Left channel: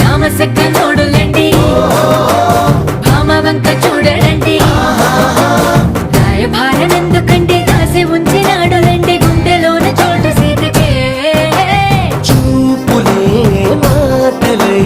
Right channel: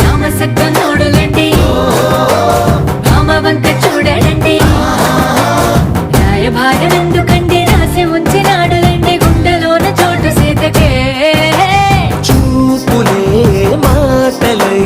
రామసక్క నోడులండి భామవంక చూడలండి రాయభారం ఎందుకండి రాసి ఉంచినాడు రండి గుండెలోన చోటు సీతకే చూపులే మాటలై